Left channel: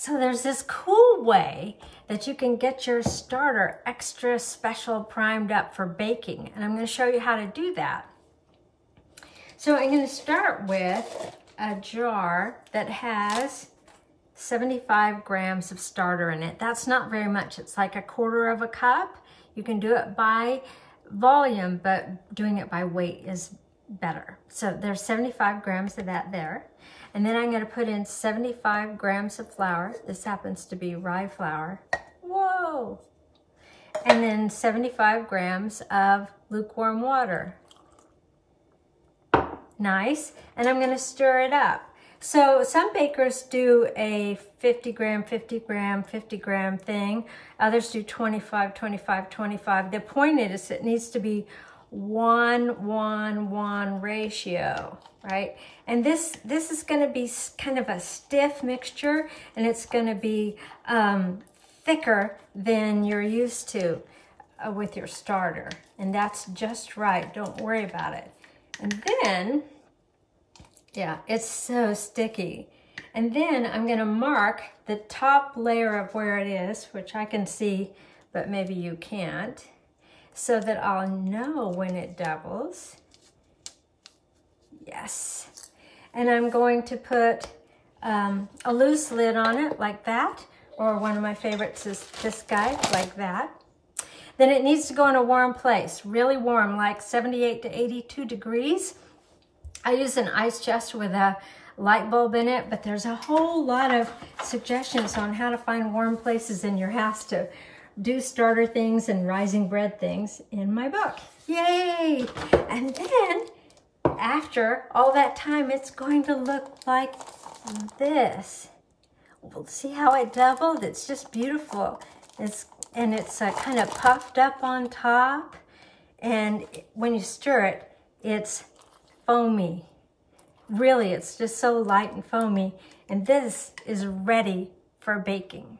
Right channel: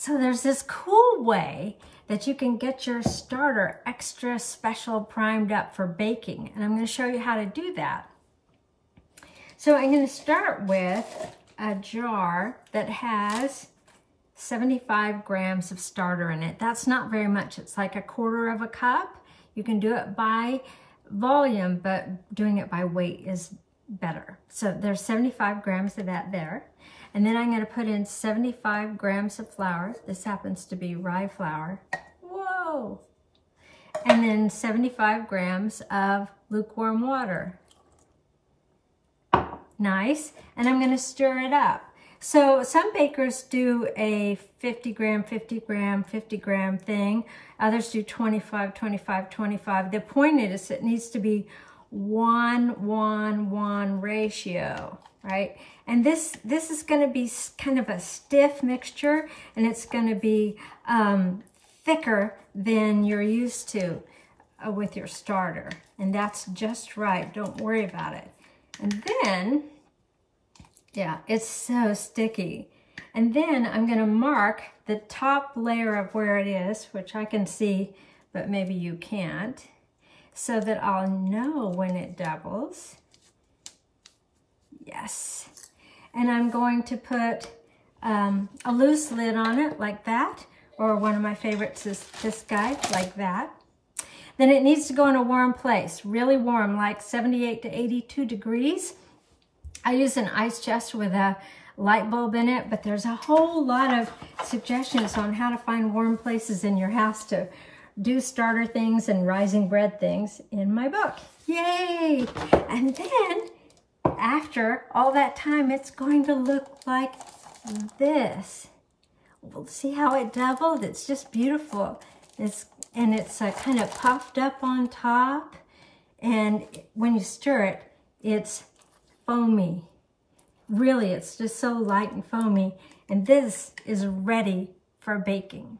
So there's this cool way that you can get your starter extra special primed up for baking. And I'm going to show you how to do that. So I'm going to start with a jar that has 75 grams of starter in it. That's not very much. It's like 1/4 cup. You can do it by volume, but doing it by weight is better. So there's 75 grams of that there. And then I'm going to put in 75 grams of flour. This happens to be rye flour. Whoa! And then 75 grams of lukewarm water. Nice. And I'm going to stir it up. So some bakers do a 50 gram, 50 gram, 50 gram thing. Others do 25, 25, 25. The point is it needs to be 1-1-1 ratio, right? And this is going to be kind of a stiff mixture, and it's going to be thicker than you're used to with your starter. And that's just right. Don't worry about it. And then, yeah, it's so sticky. And then I'm going to mark the top layer of where it is, which I can see, but maybe you can't, so that I'll know when it doubles. Yes. And I'm going to put a loose lid on it like that, or one of my favorites is this guy, like that. Then it needs to go in a warm place, really warm, like 78 to 82 degrees. I use an ice chest with a light bulb in it, but there's a whole lot of suggestions on how to find warm places in your house to do starter things and rising bread things in my book. Yay! And then after all that time, it's going to look like this. We'll see how it doubled. It's just beautiful. It's kind of puffed up on top, and when you stir it, it's foamy. Really, it's just so light and foamy, and this is ready for baking.